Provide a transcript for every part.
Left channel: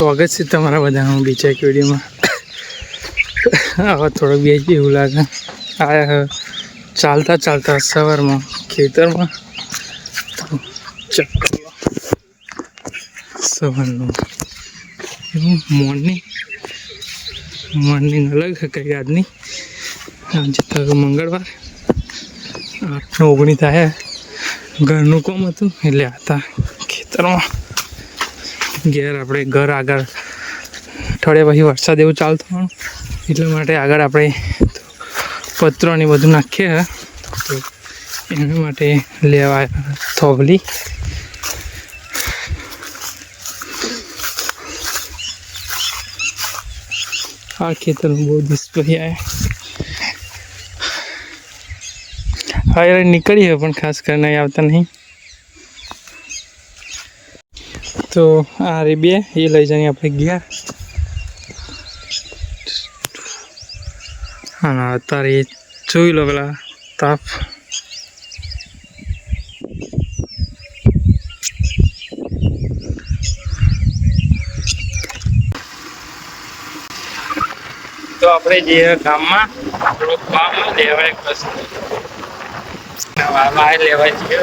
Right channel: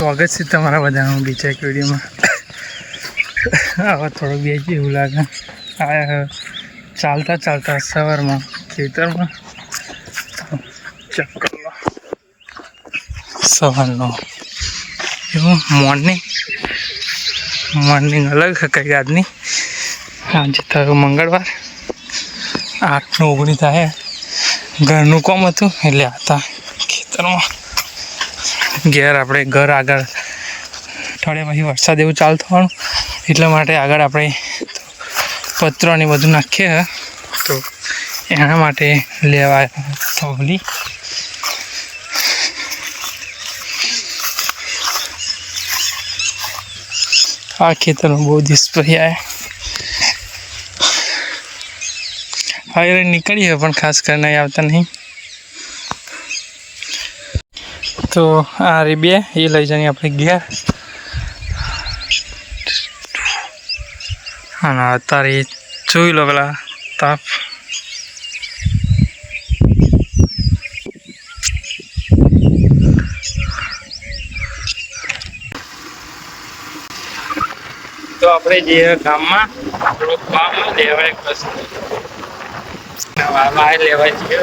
સ્વાગત છે તમારા બધાનું બીજા એક વિડીયોમાં. આવા થોડોક બેસી એવું લાગે. આ ચાલતા સવારમાં ખેતરમાં તો ચક્કર સવારનો એવું મોર્નિંગ અલગ કંઈ આજની. આજે થયું મંગળવાર 8/19 થાય. ઘરનું કામ હતું એટલે હતા ખેતરમાં. ઘેર આપણે ઘર આગળ થોડે પછી વરસાદ એવું ચાલુ થવાનું એટલા માટે આગળ આપણે પતરાને બધું નાખીએ તો એના માટે લેવા થોભલી. આ ખેતરમાં બહુ દિવસ પછી આવ્યા. હવે નીકળી હોય પણ ખાસ કરીને આવતા નહીં. તો આ રે બે એ લઈ જઈને આપણે ગયા. હા અત્યારે જોઈ લો પેલા તાપ. તો આપણે જે ગામમાં થોડુંક કામ લેવાય બસ લેવાય છે.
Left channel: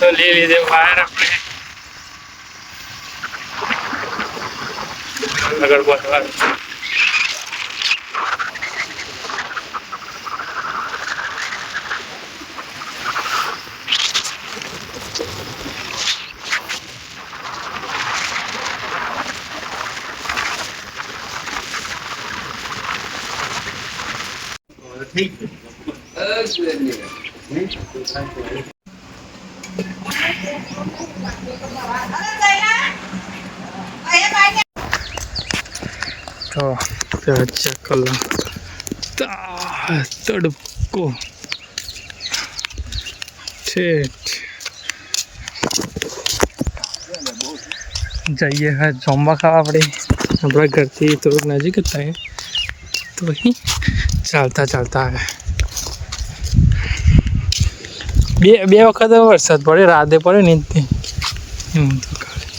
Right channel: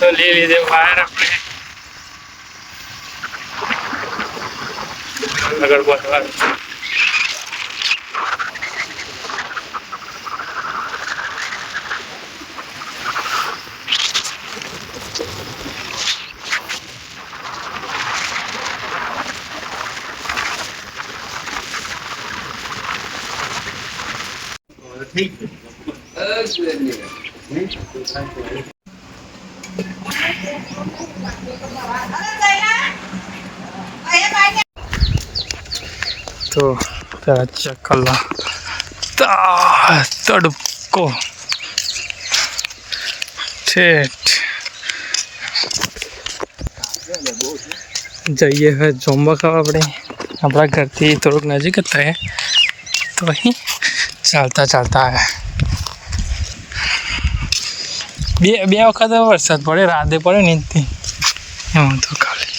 તો લઈ લીધે બહાર આપણે આગળ વધવાનું. તો પેલા ચેક કરો તડકો ઠેઠ જઈએ હવે જમવા ખાવા. આપણે આપણા ઘરથી થોડુંક નજીક જ થાય તો અહીં ચાલતા આવ્યા. બે વખત વરસાદ પડે, રાતે પડે ને એમ તો ખાલી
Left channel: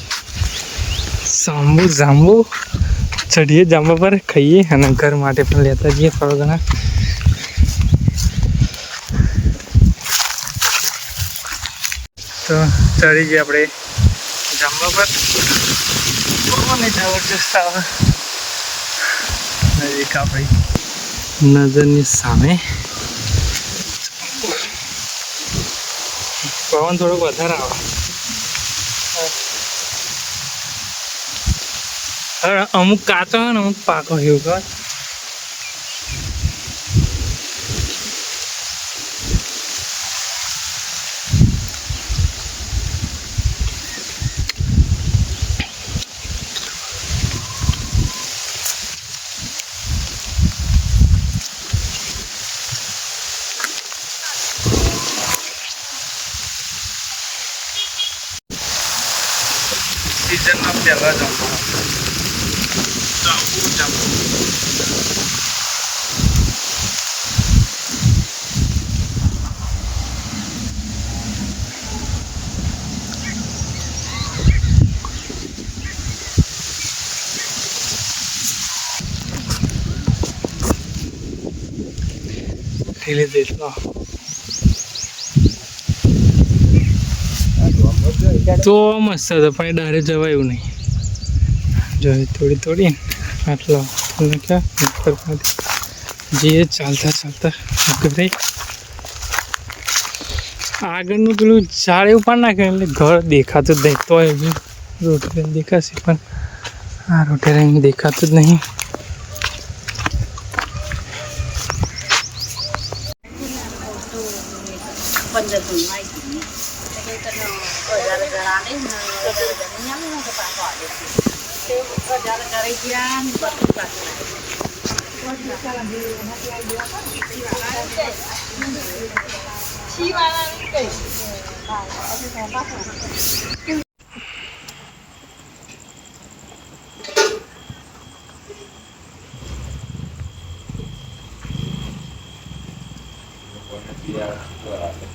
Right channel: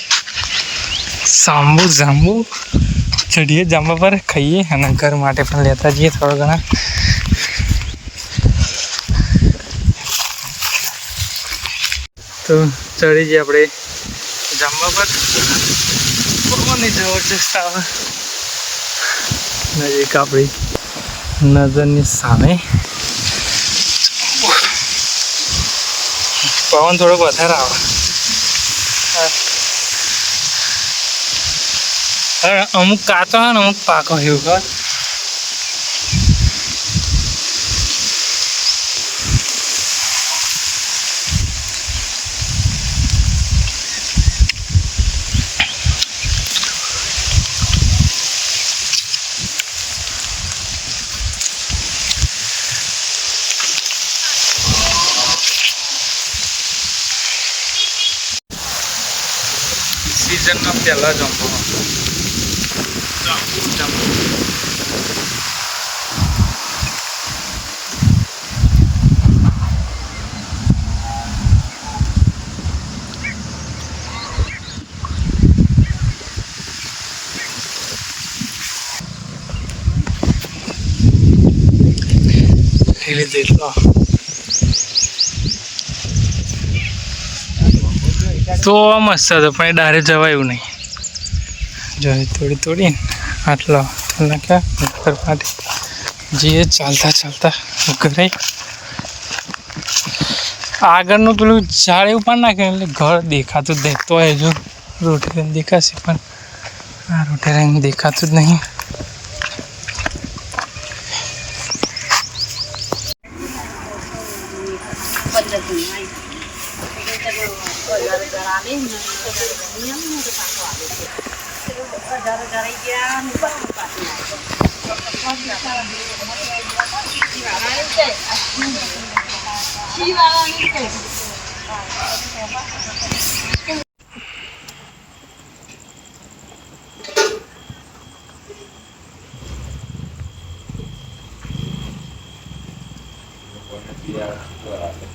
જાંબુ ચડીએ જાંબા પર ખાઈએ અને ઘર માટે પણ લેતા જઈએ થોડા ઘણા. તો ચડી જઈએ આપણે જાંબા પર. પવન જબરજસ્ત આવે નજીક આપણી નજરની સામે. પવન થોડોક વધારે આવે. અમુક કાચો હોય ને અમુક પાકો એવું કર. સિઝનના પહેલા જમવાનું જાંબુ લીધે એટલો તો મસ્ત હતો પણ એ ડારે જવાય એવું નહીં. જો તોડીને આટલા નાખ્યા ઘર માટે જઈએ ચાલતા ઘરે. આગળનું પેલું ઝાડ એવું પણ નાખે એટલે ઘર દેખાતું જ નહીં. તો એ જો રોટી રંગ દેખાશે પણ આ રોટી રંગ દેખાતું જ નહીં. કોઈને બિયારણ શું આવે